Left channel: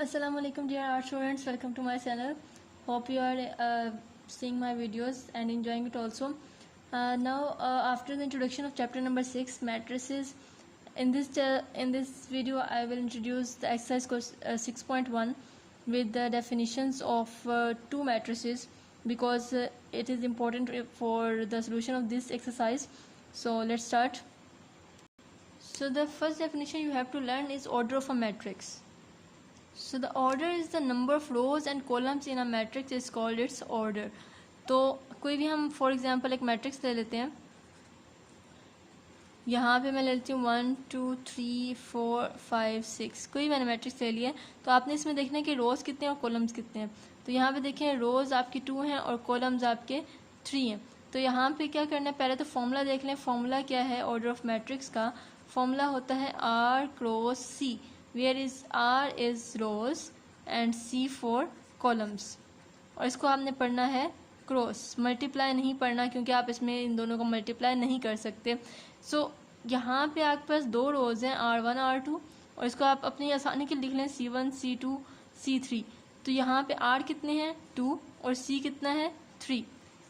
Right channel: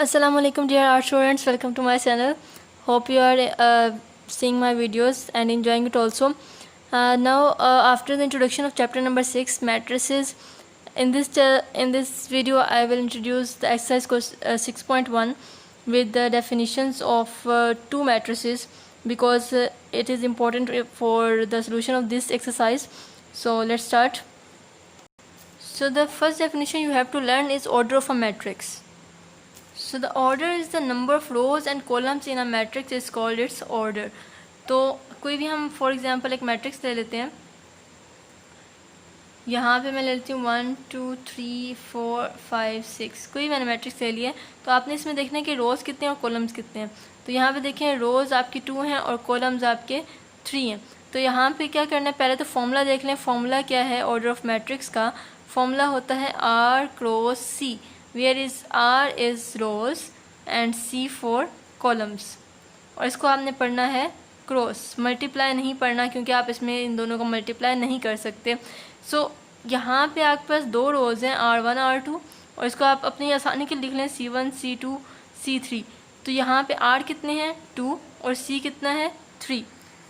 Assalamu alaikum dear art students, welcome to my channel. Hope you are seeing my videos and enjoying it also. Now after the introduction of chapter number 6 matrices, in this video I will introduce the exercise 6.1 with the definitions of two matrices, because it is important for the solution of this exercise. So let's start. So the first definition you have to learn is order of a matrix. So the order is the number of rows and columns in a matrix is called its order. तो कोई भी हम for example एक matrix ले लेते हैं. यहाँ पे मैं ले लेती हूँ 1 2 3 4 5 6. कोई मैंने मैट्रिक्स ले लिया है. तो आपने इसमें देखना है कि रोज़ कितने हैं और कॉलम्स कितने हैं. तो यहाँ पे देखें रोज़ आपकी 2 हैं और कॉलम्स आपके 3 हैं. तो यहाँ पे क्या करना है, पहले तो फॉर्मूला देख लें. फॉर्मूला क्या है ऑर्डर ऑफ मैट्रिक्स का? फॉर्मूला होता है R cross C, where is R is rows and C for columns. और इसको आपने पढ़ना है क्रॉस, मल्टीप्लाई नहीं पढ़ना, क्योंकि आप इसमें इन दोनों को मल्टीप्लाई नहीं कर सकते. सो यहाँ पे आपके पास दो रोज़ हैं R1 R2, और इसको आप अपनी आसानी के लिख लें C1 C2 C3. तो यहाँ पे R कितने हैं 2 और C कितना है 3.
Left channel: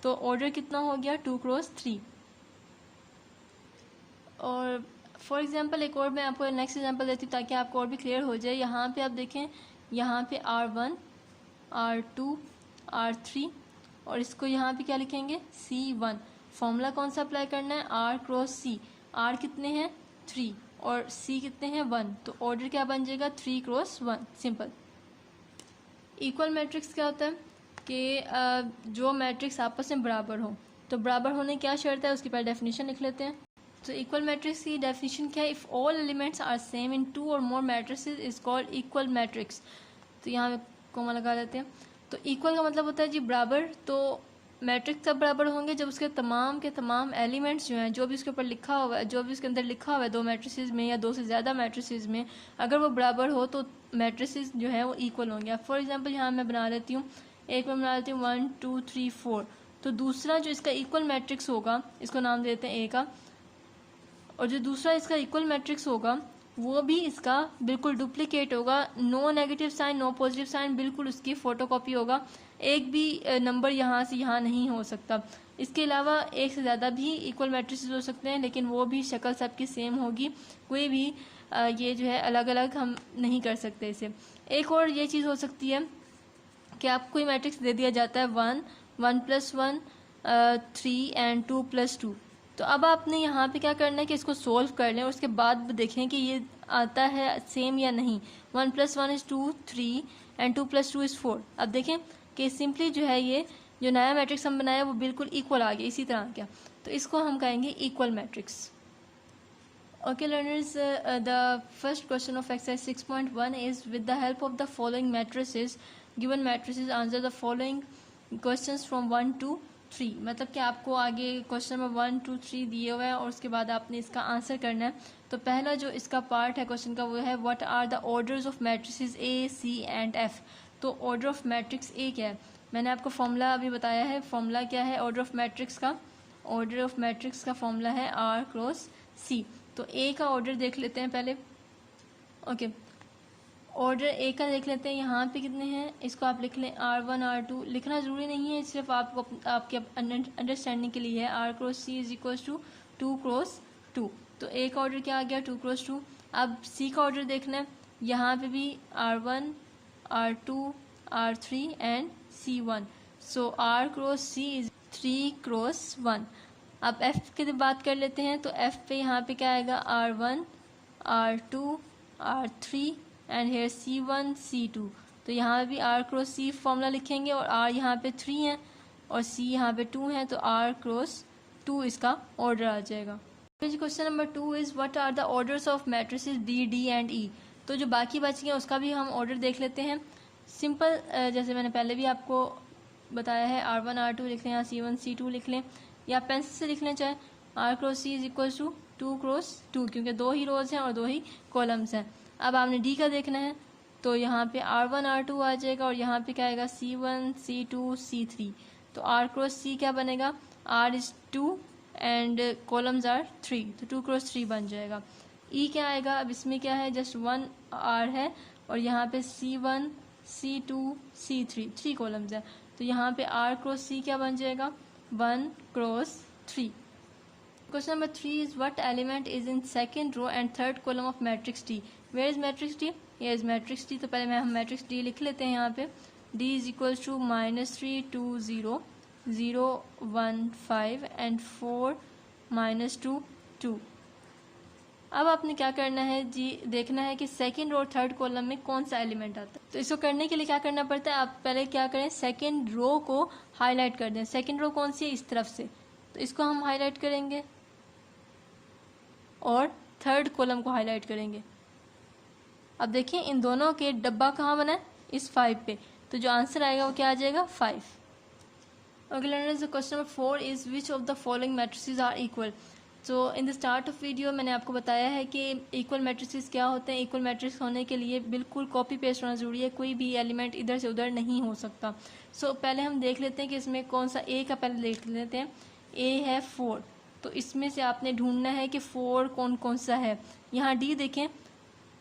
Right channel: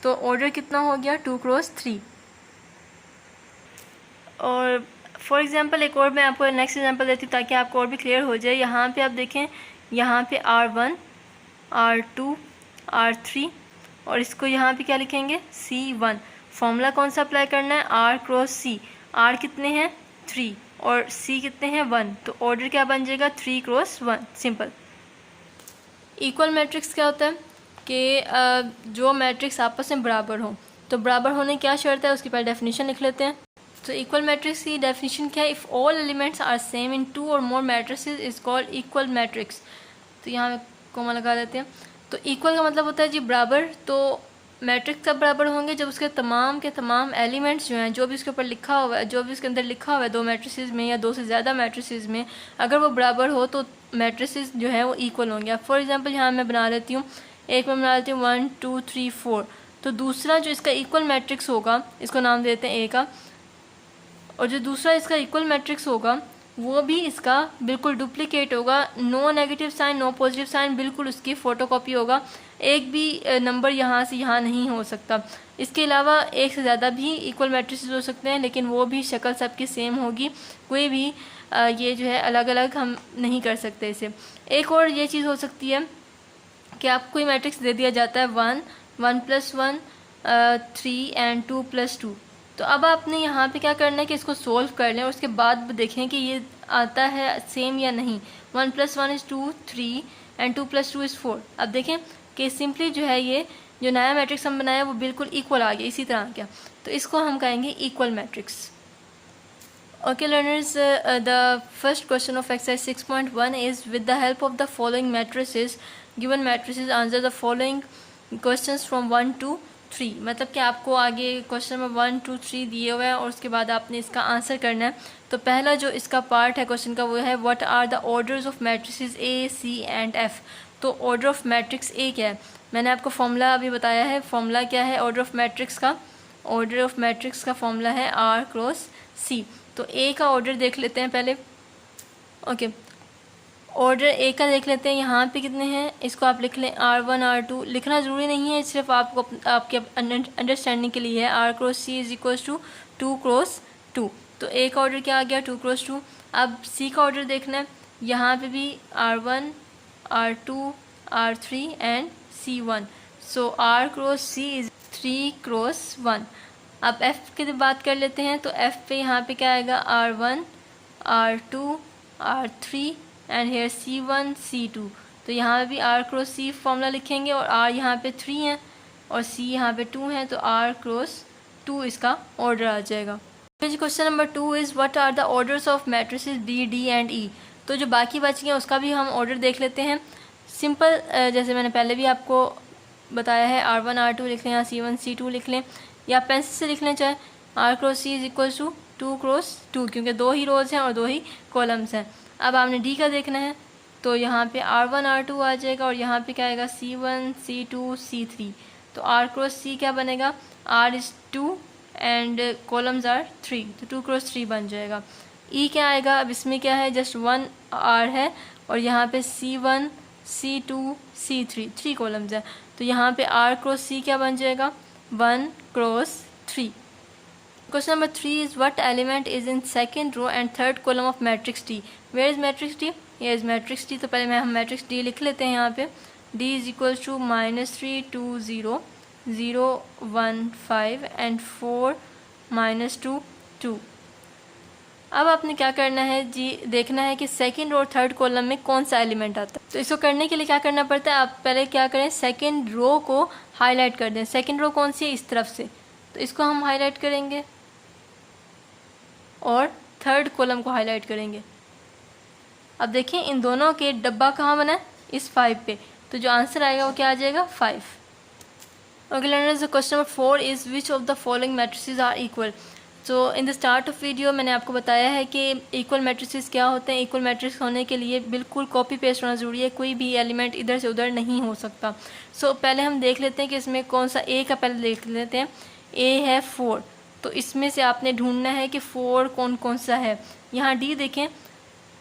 तो ऑर्डर कितना हो गया 2 क्रॉस 3. और फॉर एग्ज़ाम्पल एक और मैं आपको नेक्स्ट एग्जांपल देती हूँ ताकि आपको और भी क्लियर हो जाए. यहाँ पे आप देखें, यहाँ पे R1 R2 R3 और इसको यहाँ पे क्या लिखेंगे C1. फॉर्मूला कौन सा अप्लाई करना है? R cross C. R कितने हैं 3 और C कितने हैं 1. तो ऑर्डर क्या बन जाएगा 3 क्रॉस 1. सिंपल. इक्वल मैट्रिक्स क्या होता है कि जो मैट्रिक्स आपस में बराबर हो. तो बराबर होने की क्या शर्त है, उसकी पहले डेफिनेशन लिख लेते हैं. तो इक्वल मैट्रिक्स की डेफिनेशन क्या है? If all elements are same in 2 और more matrices is called equal matrix. तो यहाँ कॉमा लगा लेते हैं. तो इक्वल का मतलब होता है जी बराबर. तो मैट्रिक्स कब बराबर होंगे? जब उसके तमाम के तमाम एलिमेंट्स जो हैं, जो भी उसके ऊपर लिखा हुआ है, जो भी उसके अंदर लिखा हुआ है दो मैट्रिसेस में या दो से ज़्यादा मैट्रिसेस में, अगर वो बराबर हो तो मैट्रिसेस जो है वो इक्वल होंगे. अब फॉर एग्जाम्पल यहाँ मैं बना लेती हूँ, एक में बना लेती हूँ 1 2 3 4. तो दूसरा जो इसका इक्वल मैट्रिक्स होगा, इसको नाम देते हैं ए का, और जो दूसरा इसका इक्वल मैट्रिक्स होगा वो भी इसका बिल्कुल डुप्लीकेट होगा. No negative sign no positive sign, बिल्कुल उसकी फ़ोटोकॉपी होगा. एक भी नंबर यहाँ से यहाँ नहीं हो सकता. इसके अलावा एक से ज़्यादा भी इक्वल मैट्रिसेस हो सकते हैं, लेकिन वो भी शक्ल सबकी सेम होगी. कोई भी ये जो है अलग अलग हम नहीं कर सकते इसे. एक और ये चीज़ हो सकती है कि आपको कोई मैट्रिक्स दे दिया जाता है 1 1 + 1 3 एंड 2 + 2. तो अब आपने यहाँ पे क्या करना है कि इसको सोल्व कर लें और उसके बाद देखें कि ये आता है सेम या नहीं. 1 + 1 = 2 3 एंड 2 + 2 = 4. अब देखें कि सिंपली जो है ये जो नया मैट्रिक्स हम बनाया वो बिल्कुल इक्वल आ गया, इसी तरह आ गया. तो इसको हम कहेंगे equal matrix. Okay learners, the first question of exercise 6.1 is with the help of the following matrices, given matrices answer the following questions from 1 to 3. मतलब कि आपको आगे क्वेश्चन नंबर 1 2 3 दिए हुए हैं और उसके बाद आपने इसका आंसर करना है. तो पहला जो इसका पार्ट है क्वेश्चन का वो है what are the orders of matrices A C and F. तो ऑर्डर ऑफ मैट्रिक्स ए क्या है? मैंने आपको फॉर्मूला अभी बताया है. फॉर्मूला क्या है ऑर्डर ऑफ मैट्रिक्स का? ऑर्डर ऑफ मैट्रिक्स का फॉर्मूला है R क्रॉस C. तो ए का ऑर्डर देख लेते हैं पहले. ओके, ऑर्डर ए का देख लेते हैं. यहाँ पे कितने हैं इसको आप लिख लें R1 R2. लिखना ज़रूरी नहीं है, सिर्फ आपको आपके अंडरस्टैंडिंग के लिए है. R cross C = 2 cross 2. तो ए का ऑर्डर क्या आ गया 2 क्रॉस 2. अब C का ऑर्डर देखना है. यहाँ पे भी R1 R2 R3 and C1. So R cross C = 3 cross 1. अब F की बात कर लेते हैं. तो F पे यहाँ पे क्या आएगा R1 R2 R3 and hair C1 C2. तो यहाँ पे भी R क्रॉस C फॉर्मूला लिखेंगे और R यहाँ पे 3 है और C यहाँ पे 2 है. तो R क्रॉस 2 इसका ऑर्डर आ जाएगा. Question number 2 is what are the orders of matrices B D and E. तो जो बाकी बच गए उसका भी हम ऑर्डर देख लेते हैं. सिंपल जैसे मैंने पहले भी आपको बताया है R1 R2 लिख लें या C1 C2 लिख लें या पेंसिल से लिख लें चाहे. R क्रॉस C = 2 क्रॉस 2, क्योंकि दो ही रोज़ हैं और दो ही कॉलम्स हैं. अब आपने डी का देखना है. तो यहाँ पे R1 R2 आ जाएगा और यहाँ पे क्या आएगा C1 C2 C3. तो R क्रॉस C क्या बनेगा? R is 2 and columns are 3. तो 2 क्रॉस 3 बन जाएगा. E क्या आएगा? अब इसमें क्या है जस्ट 1 R है और यहाँ पे C1, C2, C3, 3 कॉलम्स हैं। तो यहाँ पे R क्रॉस C क्या बन जाएगा, 1 cross 3। Question number 3 is what element is in second row and third column of matrix D। Where is matrix D? ये इज मैट्रिक्स D। तो पहले हम मैट्रिक्स D लिख लेते हैं। यहाँ पे D is equals to -3 2 0 0 1 5 and 4 -2 2। अब आपने क्या करना है जी, देखना है कि सेकंड और थर्ड कॉलम में कौन सा एलिमेंट आता है। तो इसको करने के लिए क्या करना पड़ता है, आप पहले क्या करें, सेकंड रो को हाईलाइट कर दें। सेकंड रो कौन सी है, इस तरफ से, तो इसको हम हाईलाइट करेंगे और थर्ड कॉलम को हाईलाइट करेंगे। अब देखिए इन दोनों के डब्बा कहाँ बना है, इस 5 पे, तो जो आंसर आएगा वो क्या आ जाएगा, 5। Okay learners, question number 4 is which of the following matrices are equal. So in the start of video मैंने आपको बताया है कि इक्वल मैट्रिसेस क्या होते हैं। इक्वल मैट्रिक्स होने के लिए बिल्कुल कॉपी पेस्ट होना ज़रूरी है, कोई भी एलिमेंट इधर से उधर नहीं हो सकता। सो पहले हम देख लेते हैं कि इसमें कौन सा, ए का पहले देख लेते हैं। ए है 4, तो इसमें से आपने ढूंढना है कि 4 कौन कौन सा है। यहाँ डी देखें,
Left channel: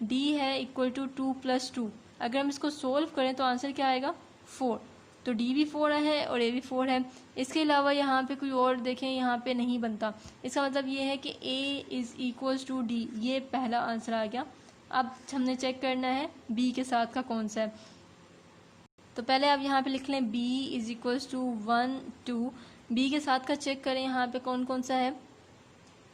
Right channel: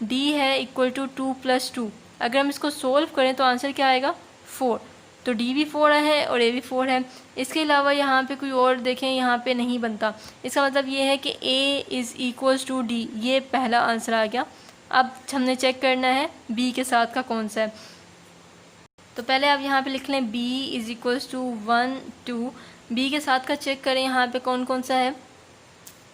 डी है इक्वल टू 2 + 2। अगर हम इसको सोल्व करें तो आंसर क्या आएगा, 4। तो डी भी 4 है और ए भी 4 है। इसके अलावा यहाँ पे कोई और देखें, यहाँ पे नहीं बनता। इसका मतलब ये है कि A is equals to D, ये पहला आंसर आ गया। अब हमने चेक करना है बी के साथ का कौन सा है। तो पहले आप यहाँ पे लिख लें B is equals to 1 2। B के साथ का चेक करें यहाँ पे कौन कौन सा है।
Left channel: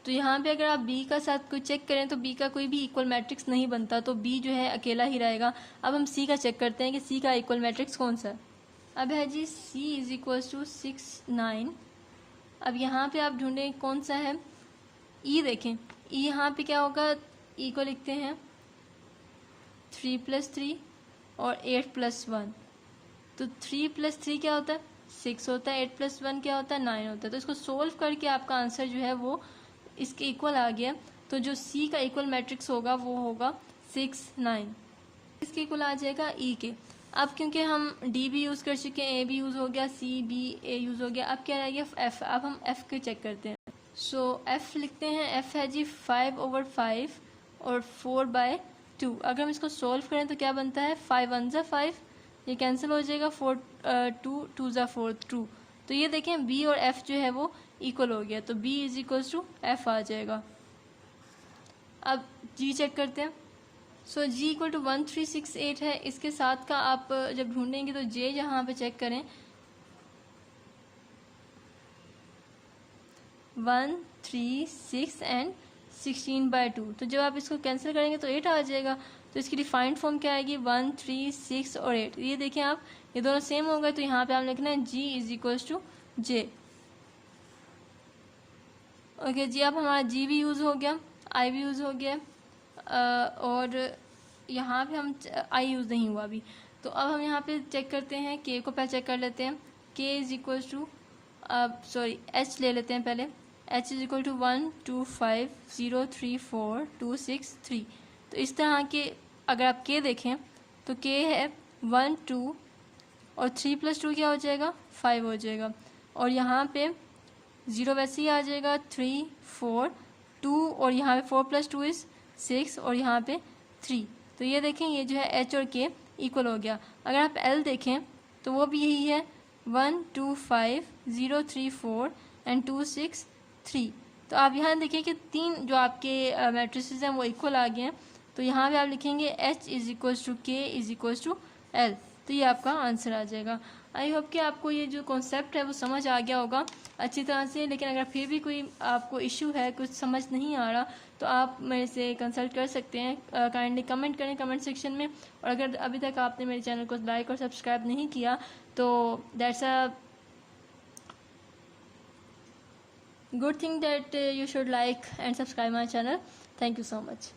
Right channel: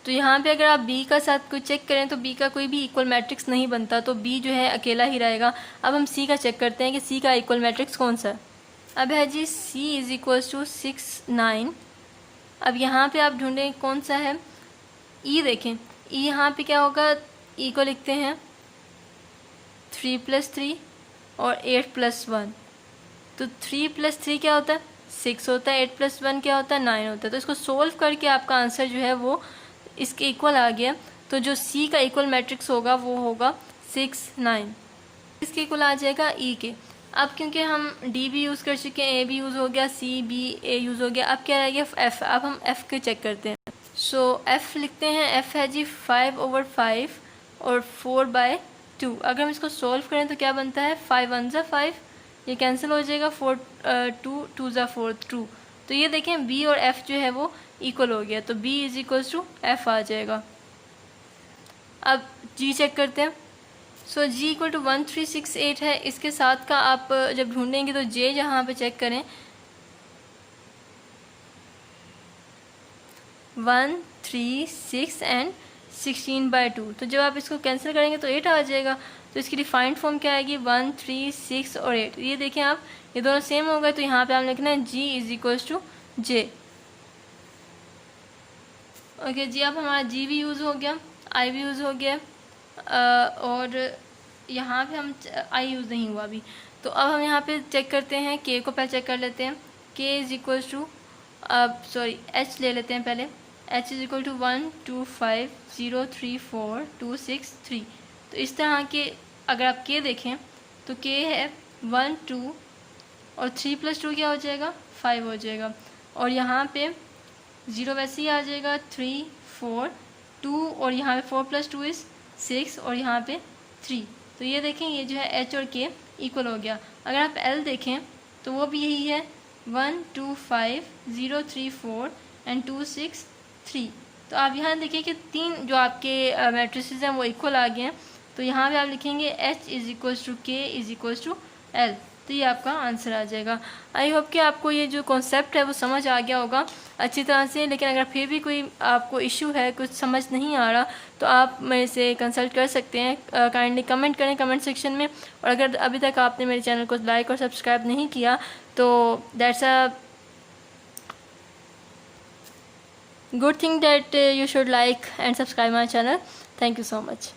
तो यहाँ पे अगर आप बी का साथ कोई चेक करें तो बी का कोई भी इक्वल मैट्रिक्स नहीं बनता, तो बी जो है अकेला ही रहेगा। अब हम सी का चेक करते हैं कि सी का इक्वल मैट्रिक्स कौन सा है। अब है जी C इज़ इक्वल्स टू 6 9। अब यहाँ पे आप ढूंढें कौन सा है। E देखें, E यहाँ पे क्या होगा, E को लिखते हैं 3 + 3 और 8 + 1। तो 3 + 3 क्या होता है, 6 होता है। 8 + 1 क्या होता है, 9 होता है। तो इसको सोल्व करके आपका आंसर जो है वो इसके इक्वल आ गया। तो जो C का इक्वल मैट्रिक्स होगा वो होगा 6 9। इसके इक्वल आ जाएगा E के। अब क्योंकि हम डी भी यूज़ कर चुके हैं, ए भी यूज़ हो गया, सी बी ए यूज़ हो गया, अब क्या रह गया, एफ़। अब हम एफ़ के चेक करते हैं। सो एफ़ लिखते हैं, एफ़ है जी 5/5 और 4/2। अगर हम इसको सॉल्व करें तो क्या बनता है, 5 1 ज़ा 5, ये कैंसिल हो जाएगा, 4 2 2 ज़ा 4 2। तो ये देखें बी और एफ़ जो है वो इक्वल हो गया, तो B is equals to F आ जाएगा। अब जी चेक करते हैं। सो जी इक्वल टू 1368 है। इसके साथ का आप जब ढूंढेंगे तो जे जहाँ पे चेक करें 1 3 6 एंड 16/2। तो जब आप इसको कैंसिल करेंगे तो 8 आ जाएगा। तो इसकी डिफाइंड फॉर्म क्या आएगी, 1 3 6 और 8। ये देखें आप, ये दोनों सेम हो गए, तो यहाँ पे आप लिखना है G is equals to J. Okay जी, अब हमारा जी भी यूज़ हो गया, आई भी यूज़ हो गया, और यहाँ पे हम आई यूज़ नहीं हुआ अभी। तो अब हम यहाँ पे चेक करते हैं, के को पहले चेक कर लेते हैं। K is equals to, sorry H ले लेते हैं पहले। H is equal to 1 2 5 0 3 4 2 6 3। तो इस तरह के अगर आप के देखें तो के है 1 2 और 3 + 2 क्या हो जाएगा, 5 हो जाएगा। और यहाँ पे 0 वैसे ही आ जाएगा, 3 4 2 और यहाँ पे 4 + 2 इज़ 6 और यहाँ पे 3। तो ये देखें, ये जो है एच और के इक्वल हो गया। अगर आप एल देखें तो वो भी यही है, 1 2 5 0 3 4 एंड 2 6 3। तो आप यहाँ देखिए कि 3 जो आपके मैट्रिसेस हैं वो इक्वल आ गए हैं। तो यहाँ पे आप लिखेंगे एच इज़ इक्वल्स टू के इज़ इक्वल्स टू एल। तो ये आपका आंसर आ जाएगा। आई होप कि आपको ये जो कॉन्सेप्ट है वो समझ आ गया होगा अच्छी तरह से। लेकिन अगर फिर भी कोई आपको इशू है, कुछ समझ नहीं आ रहा, तो आप मेरे से कंसल्ट कर सकते हैं। काइंडली कमेंट करें कमेंट सेक्शन में। और अगर अभी तक आपने मेरे चैनल को लाइक और सब्सक्राइब नहीं किया तो that's a good thing that you should like and subscribe my channel. Thank you so much.